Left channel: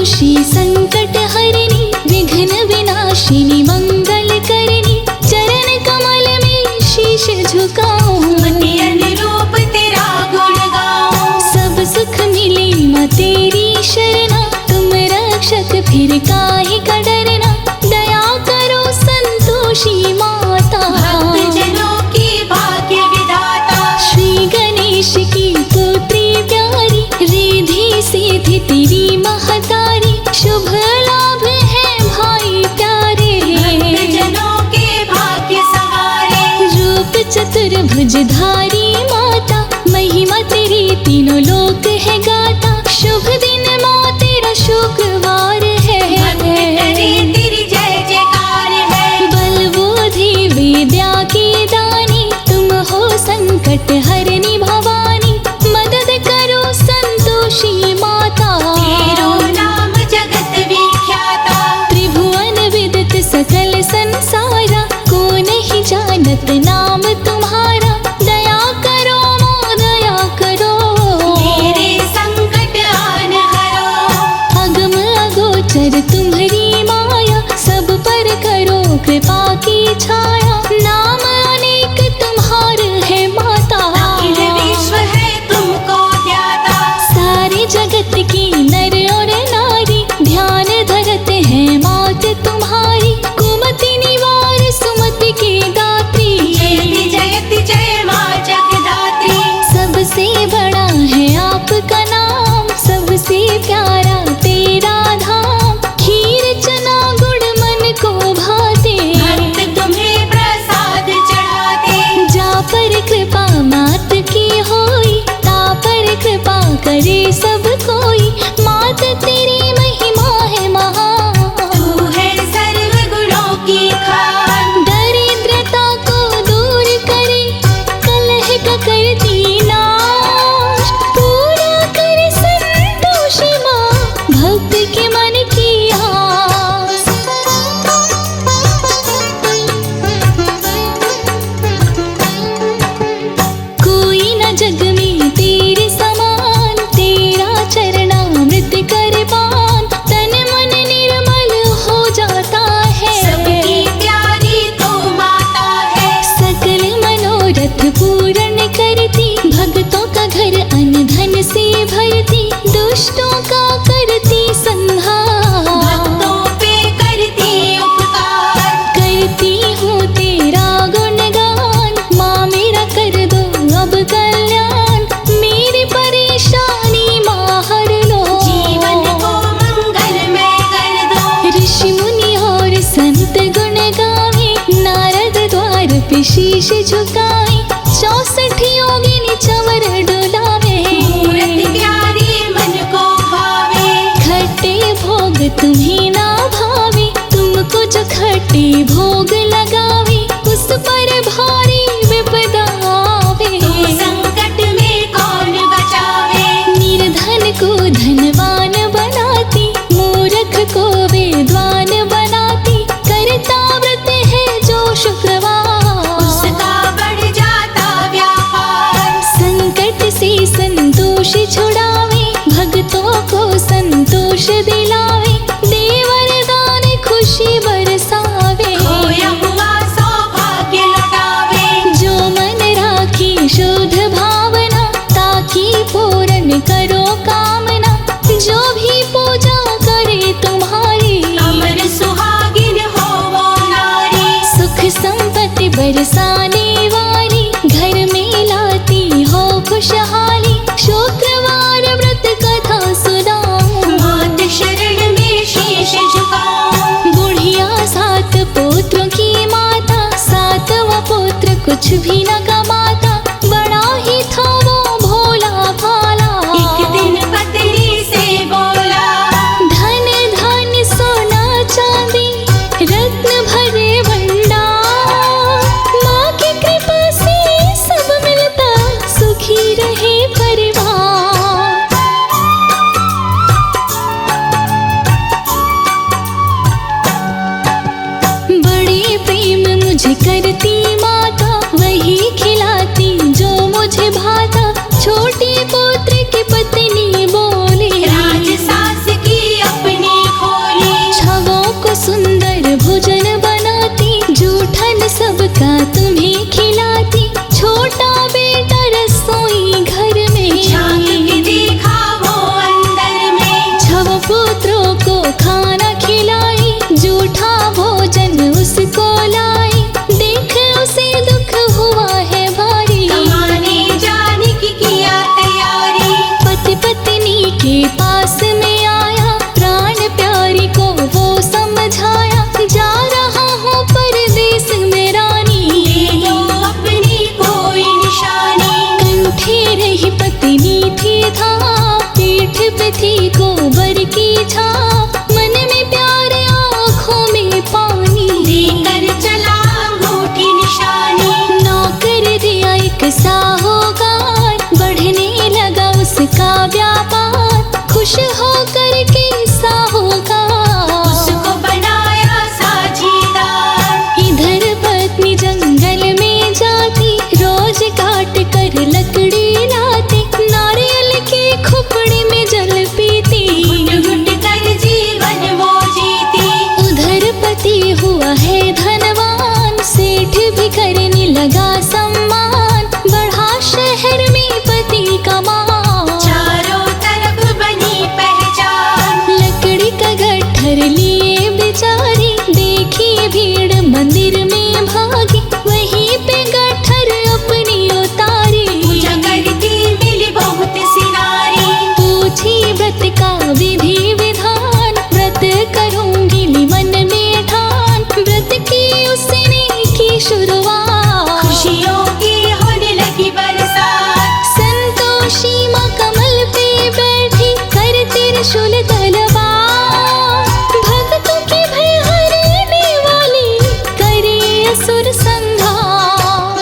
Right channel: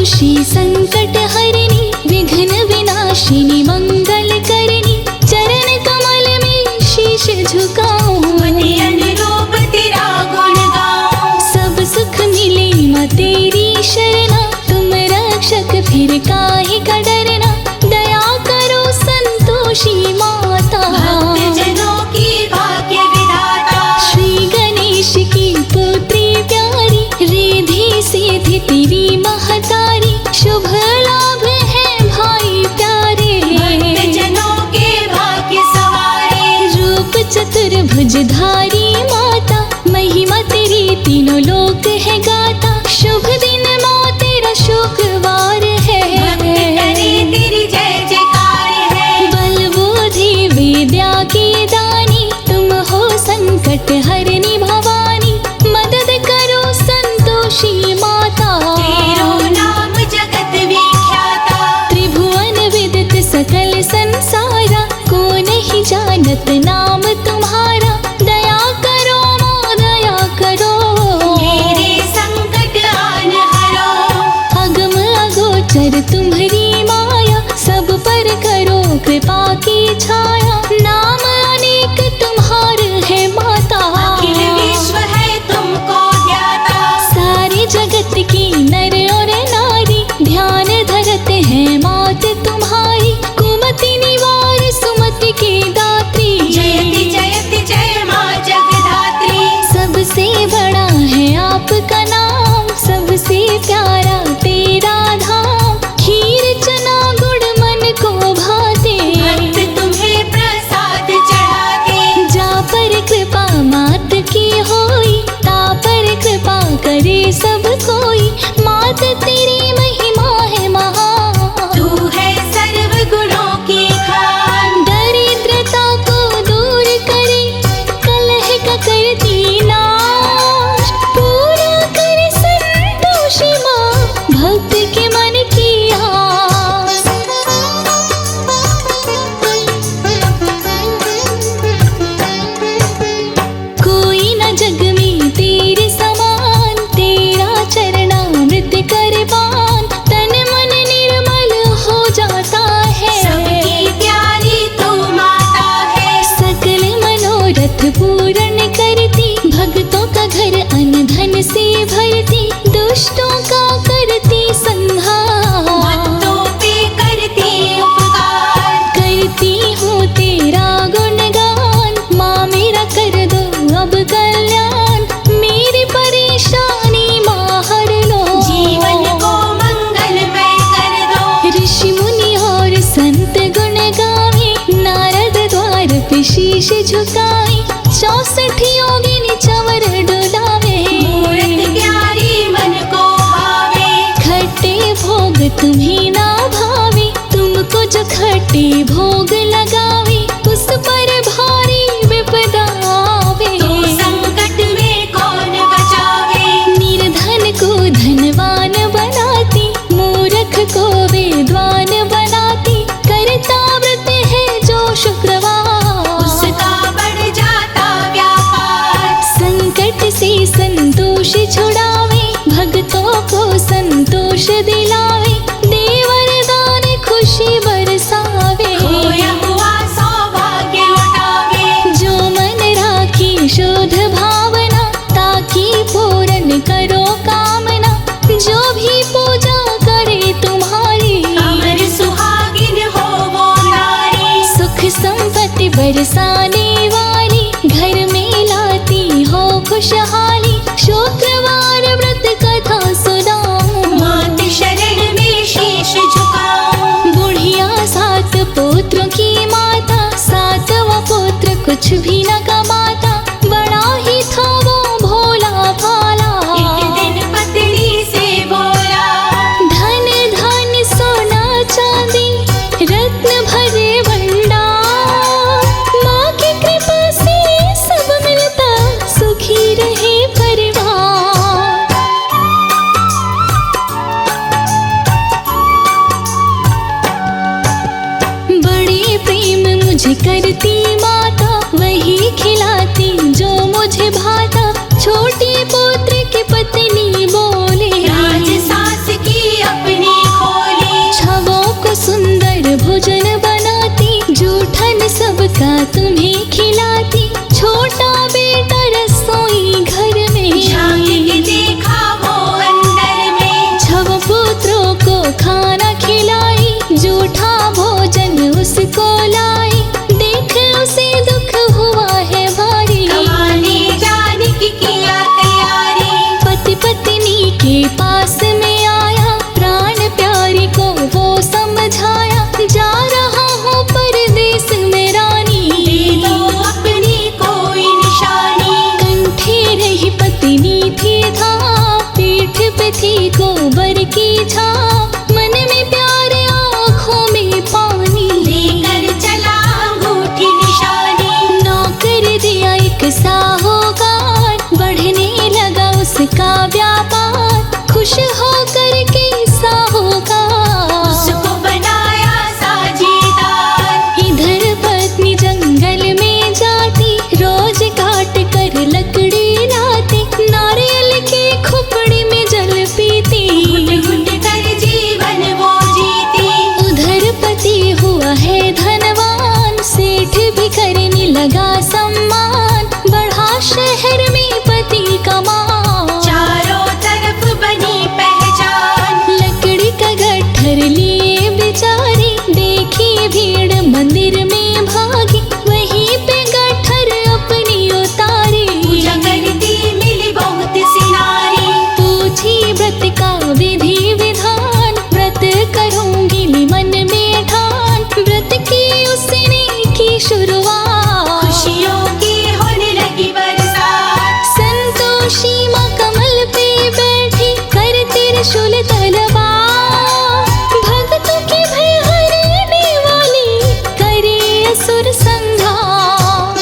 संतोषी संकट हरिणी विघ्न विनाशिनी मंगल करनी चरण कमल में शीश झुकाऊं अनुरूप तेरा गुण गाऊं। सब सुख मिले माँ तेरी शरणा तुम रक्षक फिर काहे का डरना दया करो संतोषी माता भक्तजनों की भाग्य विधाता। श्री गणेश की पुत्री प्यारी रिद्धि सिद्धि तेरी महतारी शुभ लाभ है भाई प्यारे भक्तजनों के भाग्य सवारे। रूप चतुर्भुजधारी माता महिमा तेरी तीनों लोक है गाता शुभ दिन माँ तेरा शुक्रवार है तेरी जय जयकार है। बल बुद्धि विद्या की दानी तुम हो संकट हरनी भवानी मदद करो संतोषी माता तेरो नाम जगत विख्याता। त्रिभुवन विदित सकल संसारा को नहीं जानत नाम तुम्हारा दया करो माँ दया करो मेरे संकट आन हरो। अगम अगोचर तुम्हारी माया सब पर करो कृपा की छाया नाम अनेक तुम्हार है माता अखिल विश्व है तुमको ज्ञाता। सारे जगत की नर और नारी ध्यान धरते हैं मात तुम्हारी कुमति निवार सुमति की दात्री जयति जय माँ जगदात्री। सबसे बड़ा है आपका नाम सबसे प्यारा तेरा धाम खीर चना गुड़ मन को भाते भक्त तुम्हें प्रसाद चढ़ाते। जा पर कृपा मात की होई ता पर कृपा करे सब कोई मात तेरी महिमा है महान तू है सर्व गुणों की खान। दरिद्रता को दूर करे कलह का करती नाश पूरा करे संतोषी माँ भक्त के मन की आस कोई न जग में तेरे समान तेरा चरणामृत कर पान तन मन निर्मल हो जाता है सबकी प्यारी तू माता है। सकल मनोरथ पूर्ण करती भक्तों का घर अन्न धन से भरती दुष्टों का करती संहार भक्तों पे करती उपकार। करती हूँ तेरा गुणगान माँ मेरा कर दो अब कल्याण मेरी परेशानी माँ हर लो जीवन को मंगलमय कर दो। ऋषि मुनि और संत गुण गावे नारद द्वार पे शीश झुकाए 64 योगिनी चवर डुलावे मूर्ति प्यारी मन को भावे। खट्टे भोग तुम्हें ना भावे तुमको जो खट्टे भोग लगावे उस पर भारी विपदा आवे संकट में कौन बचावे। निर्धन को धनवान बनाती मूर्ख को विद्वान बनाती करता व्रत है जो शुक्रवार उसका बढ़ जाता व्यापार। संकट से संतोष छुड़ावे भक्तों को संतोष दिलावे दे वरदान खुशी बरसावे खोया हुआ सौभाग्य लौटावे। जो मन राखी शुद्ध भावना ताकि पूर्ण करो कामना जो भी पूजा करे तुम्हारी अमर सुहागिन हो वो नारी। सुख संपत्ति बरसाने वाली घर में लाती हो खुशहाली शुक्रवार व्रत कथा सुनाऊं मात शरण में शीश झुकाऊं। बुढ़िया 7 पुत्रों की माता 7वां पुत्र कुछ भी न कमाता बड़ा ही था वो भोला भाला एक दिन पत्नी से बोला धन धन सोना चांदी रत्न भरे भंडार माँ की कृपा से सब मिलता सुखी रहे परिवार बड़े प्रेम मुझे करती माता वही खिलाती जो मुझे भाता छोटी पुत्र की पत्नी बोले राज सास की अपनी भोजन बनाती, जूठन सबका तुम्हें खिलाती। छोटा बेटा रसोई घर में, झांक के देखा वो अंदर में। छव पुत्रों को खाना खिलाई, जूठा भोजन उसको लाई। देख उसे दुख हुआ है भारी, कमाने जाने की किया तैयारी। पति पत्नी के पास में आया, प्राण प्यारी को वो समझाया। जा रहा हूँ परदेस में रानी, दे दो अपनी कोई निशानी। कंठे रही पत्नी थी था, पीठ पे थी गोबर की छाप। मन में प्यार आँखों में पानी, लेकर चला अंगूठी निशानी। नौकर दिया एक साहूकार, बढ़ने लगा उसका व्यापार। खुश होकर के साहूकार उसको बनाया साझेदार। इधर पत्नी जंगल में जाती, रोज काट कर लकड़ी लाती। नारियल के खुपड़ी में जल पीती, घुट कर जीवन वो जीती। उधर पति हुआ है धनवान, सेठ भी करने लगा सम्मान। बढ़ा शहर में पति का मान, चारों तरफ बनी पहचान। लकड़ी का गट्ठर लिए बेचारी, देखी भीड़ मंदिर में भागी। वहीं पे गट्ठर अपनी उतारी, पूजा करती मिली बहुत सी नारी। पूछी व्रत का विधि विधान, व्रत करूंगी मन में ठान। व्रत की उसने की शुरुआत, खुशियों की होने लगी बरसात। संतोषी माँ कमल पे बैठी, कर त्रिशूल तलवार। भक्तों की भय हरने वाली, करे असुर संहार।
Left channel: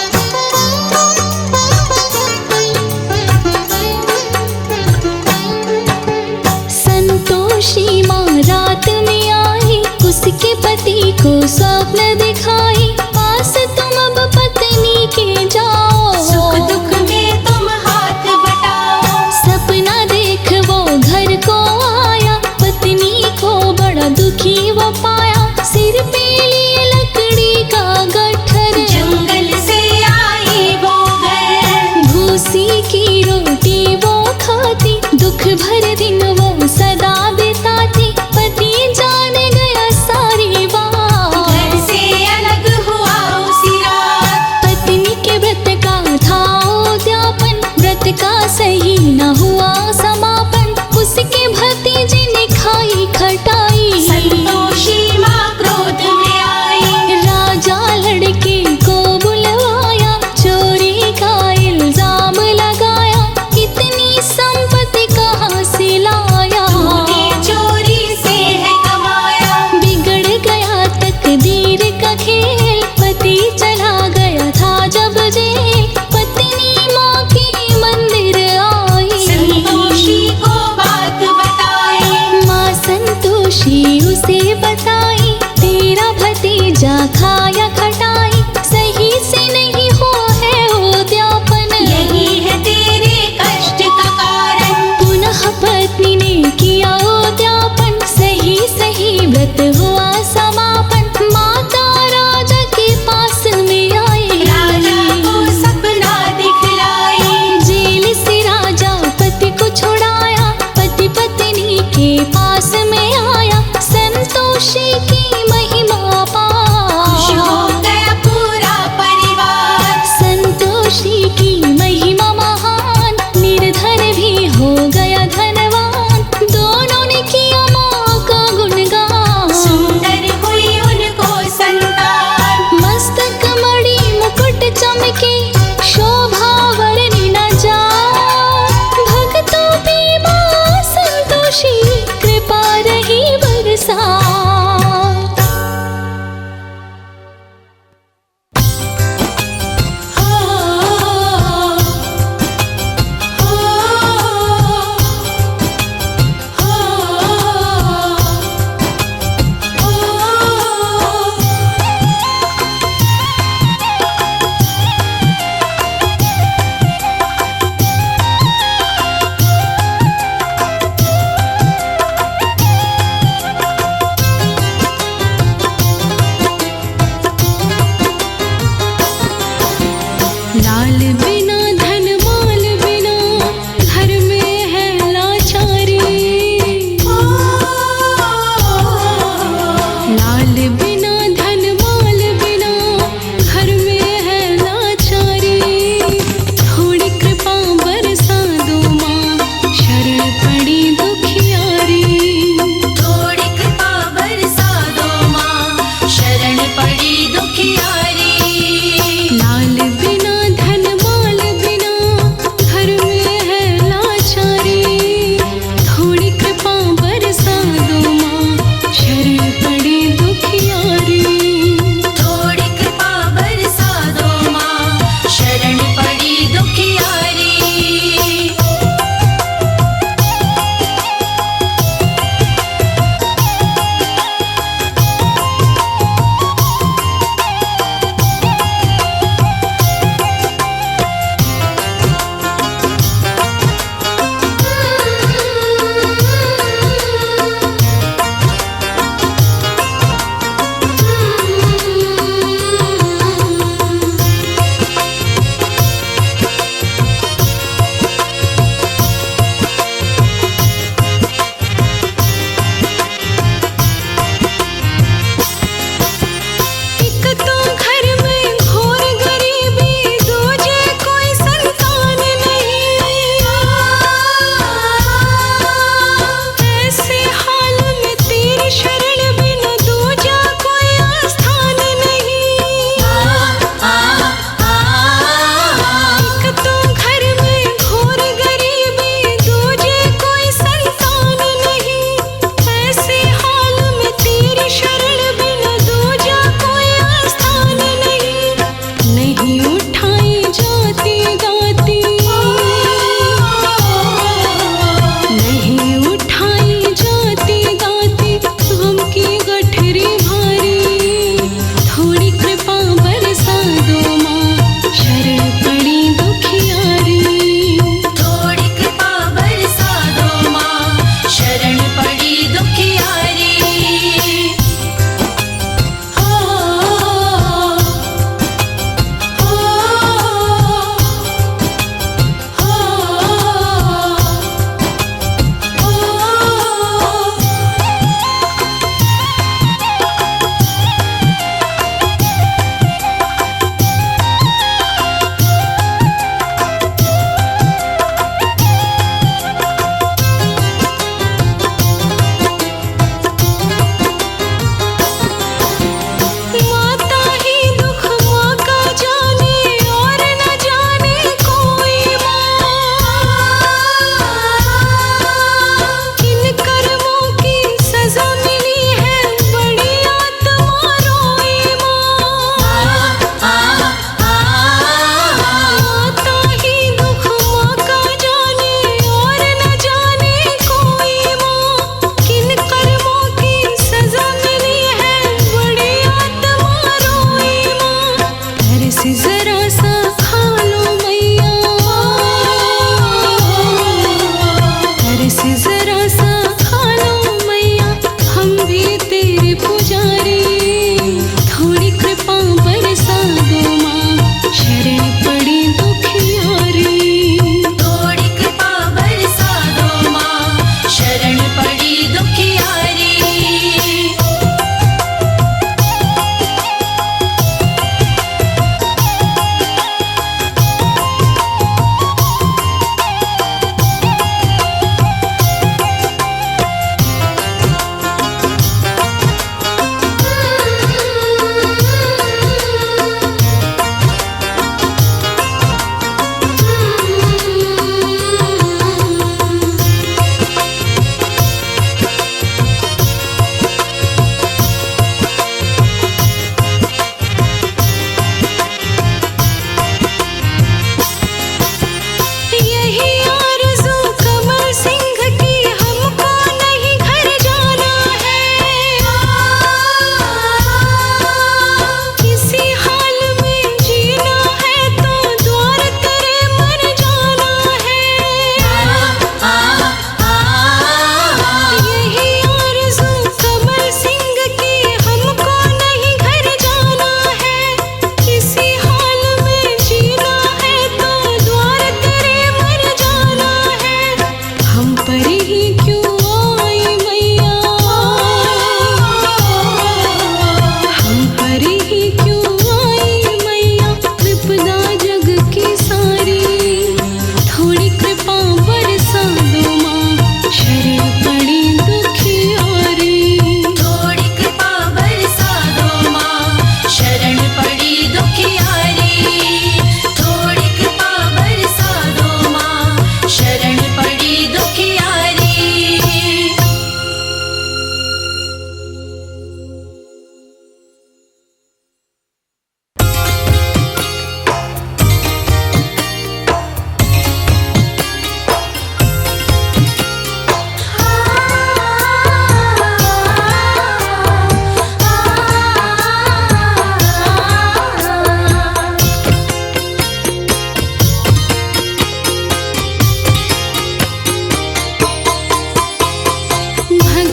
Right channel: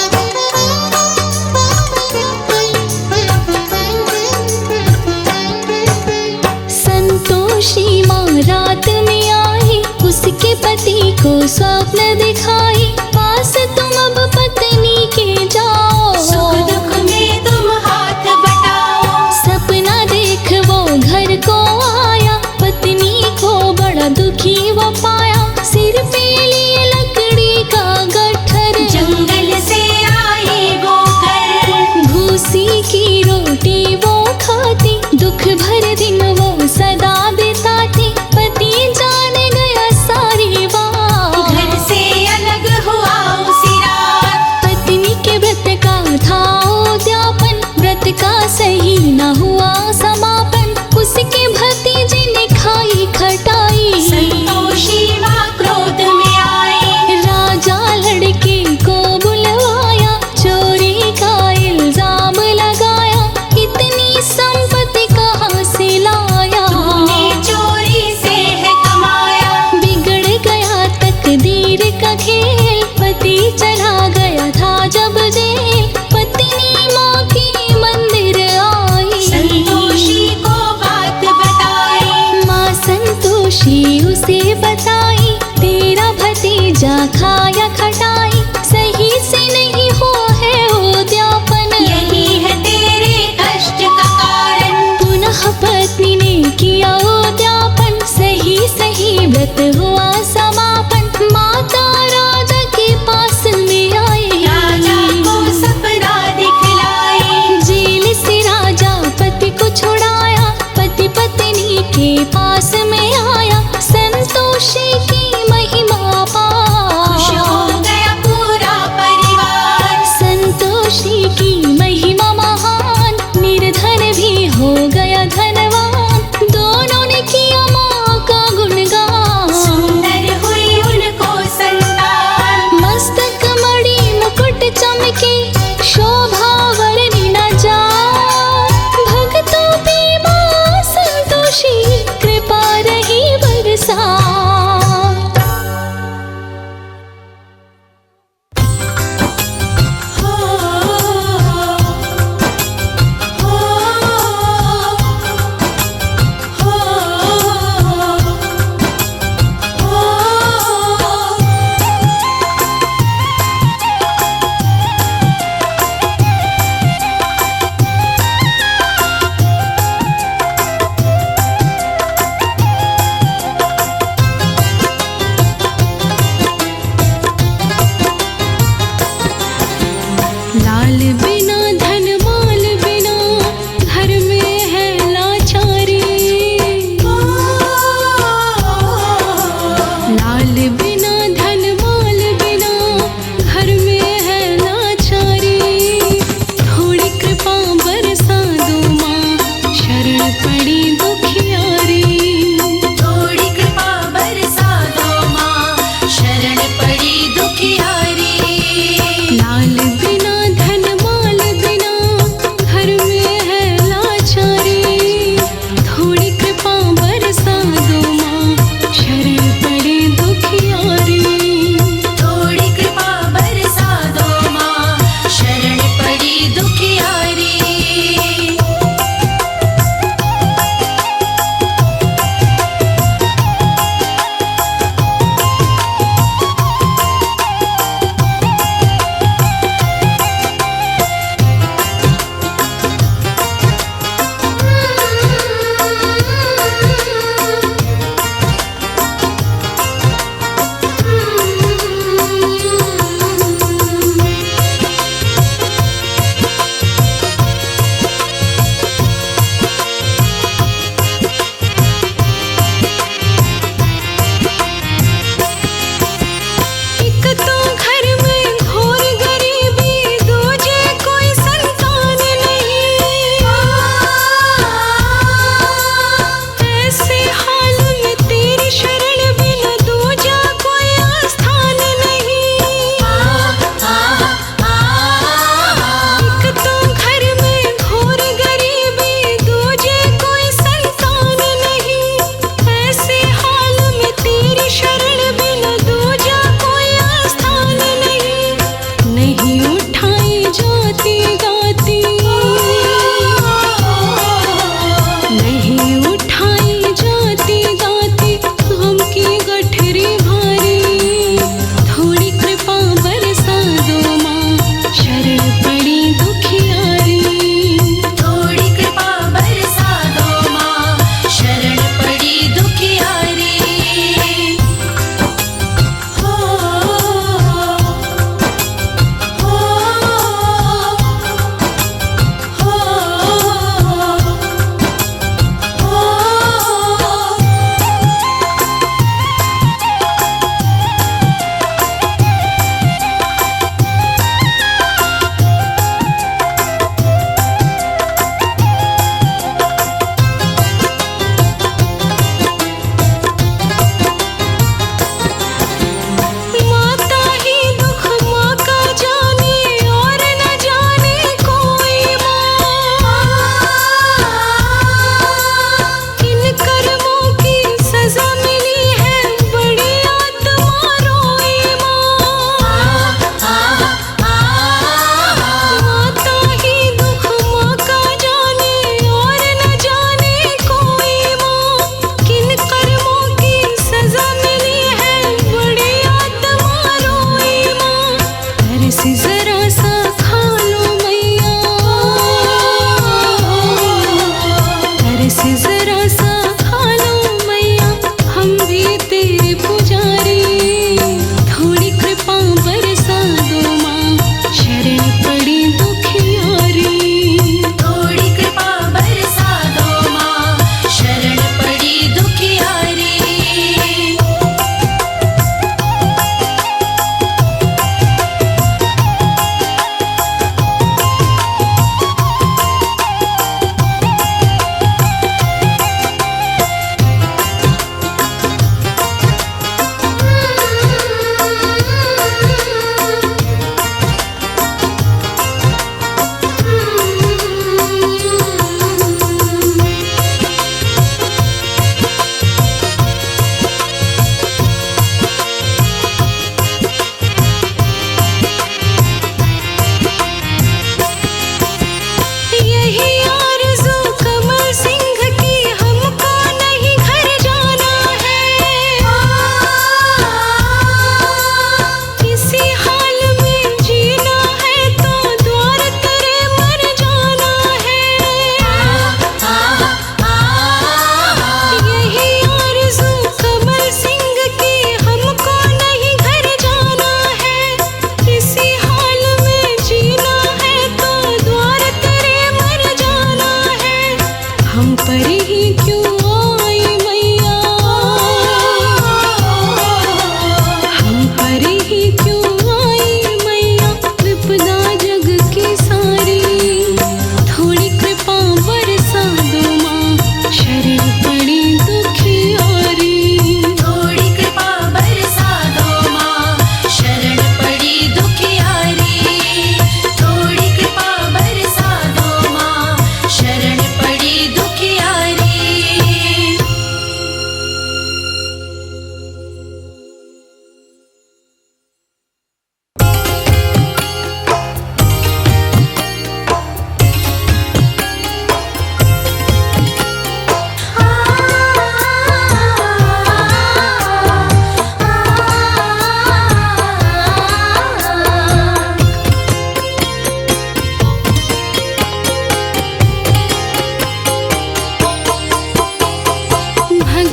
संतोषी माँ रात में आई, उसके पति को स्वप्न दिखाई। पास तुम अब पत्नी के जाओ, सुख दुख में तुम हाथ बटाओ। सपना देख वो घर को आया, पत्नी को बड़ा दुखी वो पाया। सिर पे लिए लकड़ी का गट्ठर, जंगल से आई वो घर। भूसी की रोटी वो खाती, दुख भर दिन वो सदा बिताती। पति जान गया सारी बात, घर से अलग हुआ उसी रात। पत्नी के व्रत का था उद्यापन, व्रत का सही न हुआ समापन। उसके भतीजे ने खाई खटाई, संतोषी माँ क्रोध में आई। राजा लड़के को बुलवाया, चोरी का इल्जाम लगाया। इतनी संपत्ति कहाँ से लाया, तूने चोरी से है कमाया। बिगड़ गया तकदीर का खेल। पति चला गया था जब जेल, पत्नी माँ की मंदिर आई। संतोषी को बात बताई। माँ संतोषी उसे बताई, तेरा भतीजा खाया खटाई। सही से नहीं हुआ है उद्यापन, यही है तेरे कष्ट का कारण। पुनः पत्नी ने किया उद्यापन, सही सही व्रत हुआ समापन। माता राजा के पास में आई, राजा को सपना दिखलाई। जेल से राजा पति को छुड़ाया, पति पत्नी के पास में आया। संतोषी की महिमा खुश हो पा, गया पूरा परिवार। संतोषी की महिमा महान, निर्धन भी हो गया धनवान। दोनों ने किया माँ का गुणगान, सुंदर हुई उनको संतान। मस्तक मणि मुकुट चमके, शोभा वर्णि न जाए। भक्तों पे माँ संतोषी कृपा रही बरसा।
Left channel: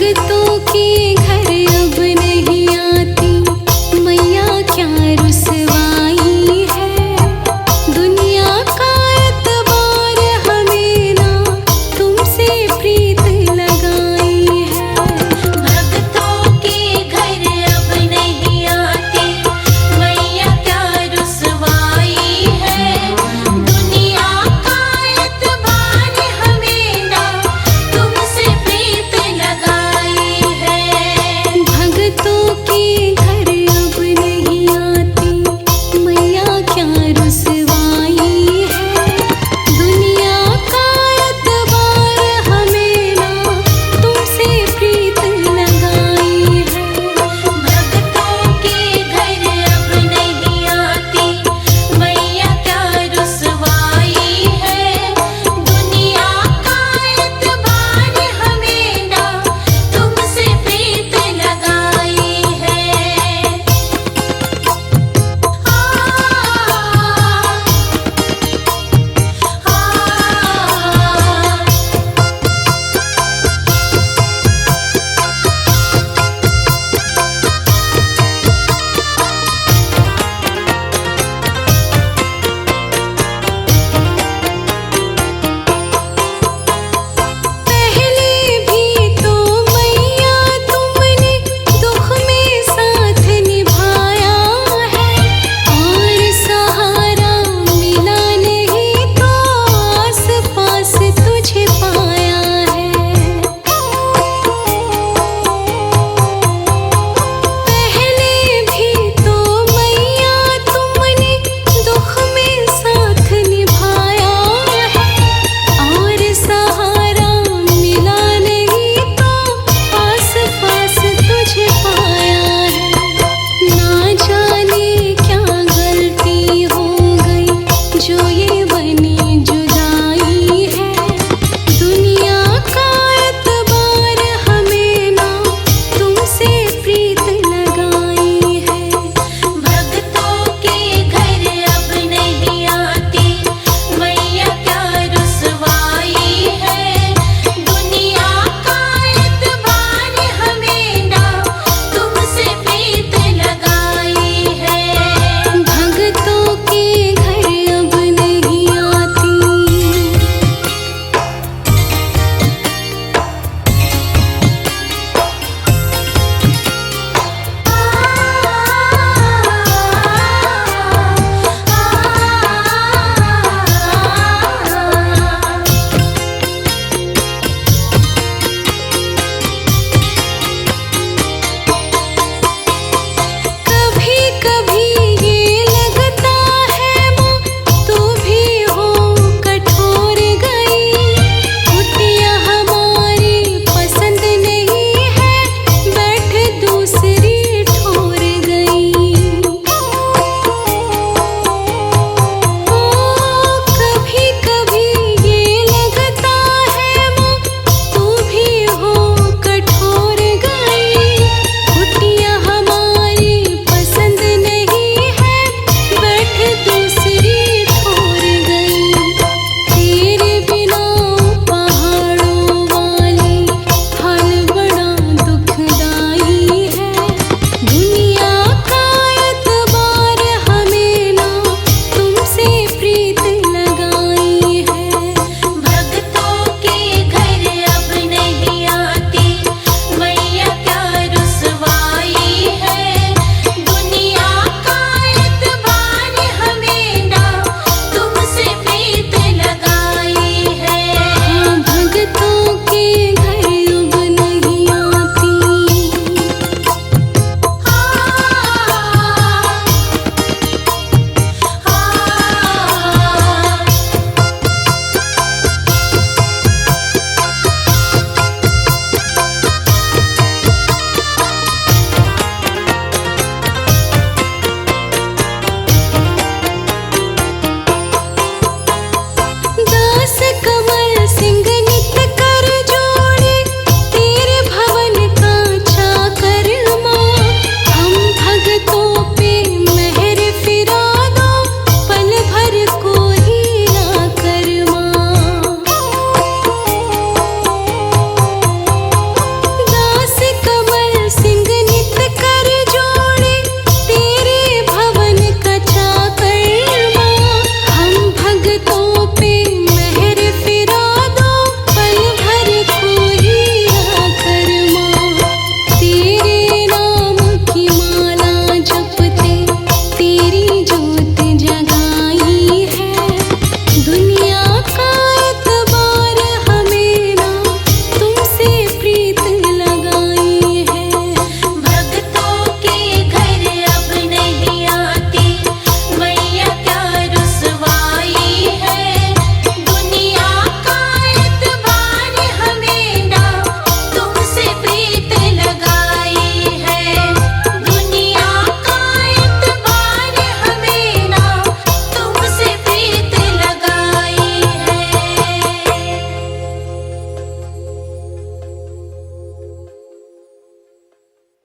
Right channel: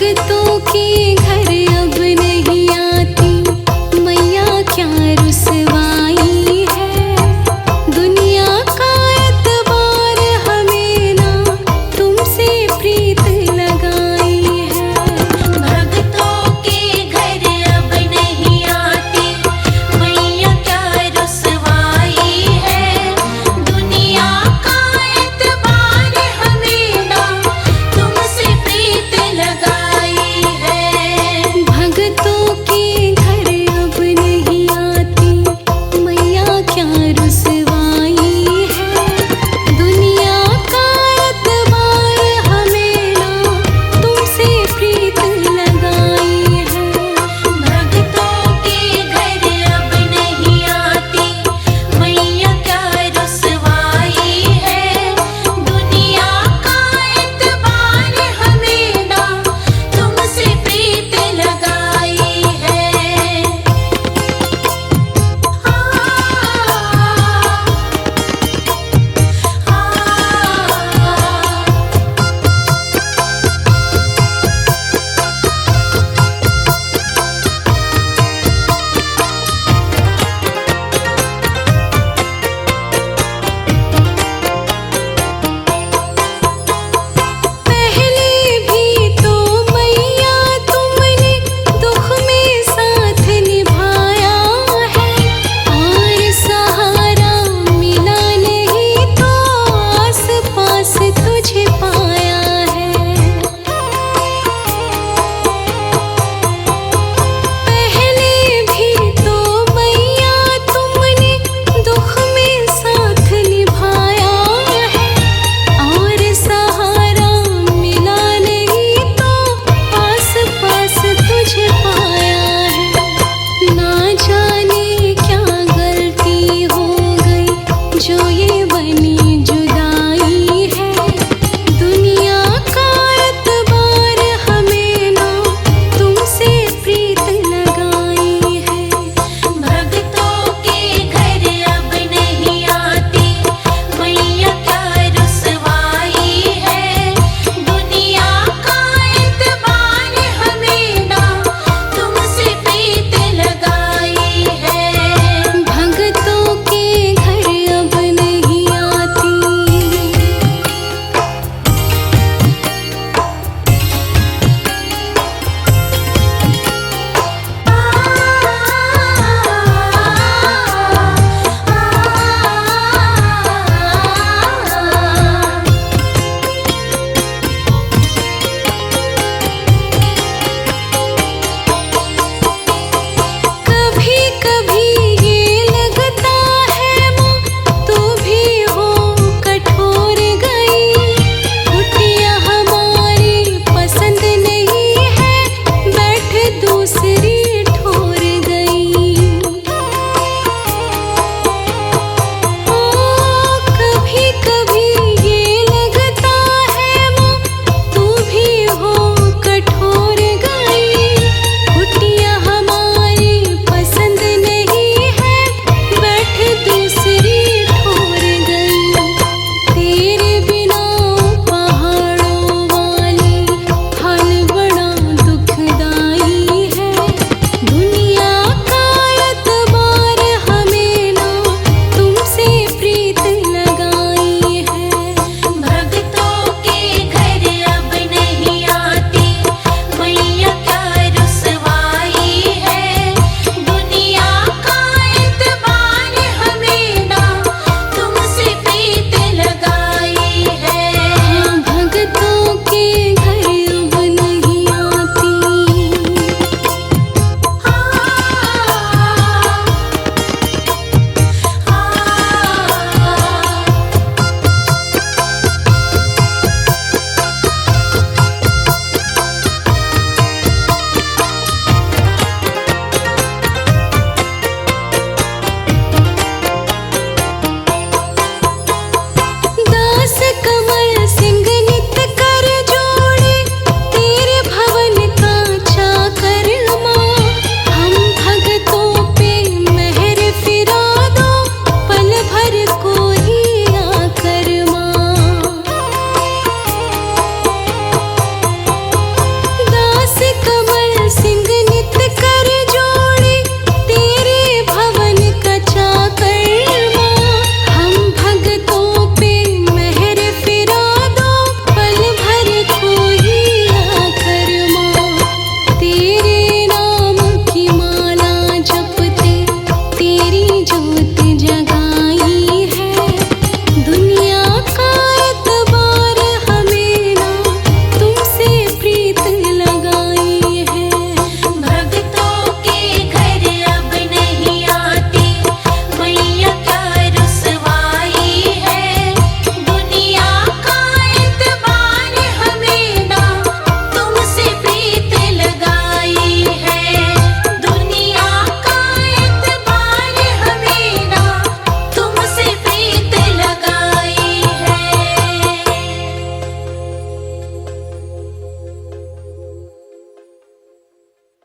भगतों के घर अब नहीं आती मैया, क्या रुसवाई है। दुनिया का एतबार हमें ना तुमसे प्रीत लगाई है। भक्तों के घर अब नहीं आती मैया, क्या रुसवाई है। दुनिया का एतबार हमें ना तुमसे प्रीत लगाई है। भगतों के घर अब नहीं आती मैया, क्या रुसवाई है। दुनिया का एतबार हमें ना तुमसे प्रीत लगाई है। भक्तों के घर अब नहीं आती मैया, क्या रुसवाई है। दुनिया का एतबार हमें ना तुमसे प्रीत लगाई है। पहले भी तो मैया तुमने दुख में साथ निभाया है, और सहारा मिला नहीं तो आस पास तुझे पाया है। पहले भी तो मैया तुमने दुख में साथ निभाया है, और सहारा मिला नहीं तो आस पास तुझे पाया है। ना जाने क्या गलती हो गई जो ये बनी जुदाई है। दुनिया का एतबार हमें ना तुमसे प्रीत लगाई है। भक्तों के घर अब नहीं आती मैया, क्या रुसवाई है। दुनिया का एतबार हमें ना तुमसे प्रीत लगाई है। भगतों के घर अब नहीं आती। कभी कभी ये लगता है माँ तू भी हो कठोर गई। कुटिया हमारी पसंद नहीं है, बैठ दूसरी ठोर गई। ओ कभी कभी ये लगता है माँ तू भी हो कठोर गई। कुटिया हमारी पसंद नहीं है, बैठ दूसरी ठोर गई। तेरे बिना पहाड़ों वाली हाल बड़ा दुखदाई है। दुनिया का एतबार हमें ना तुमसे प्रीत लगाई है। भक्तों के घर अब नहीं आती मैया, क्या रुसवाई है। दुनिया का एतबार हमें ना तुमसे प्रीत लगाई है। हाँ, भगतों के घर अब नहीं आती। दास कमल सिंह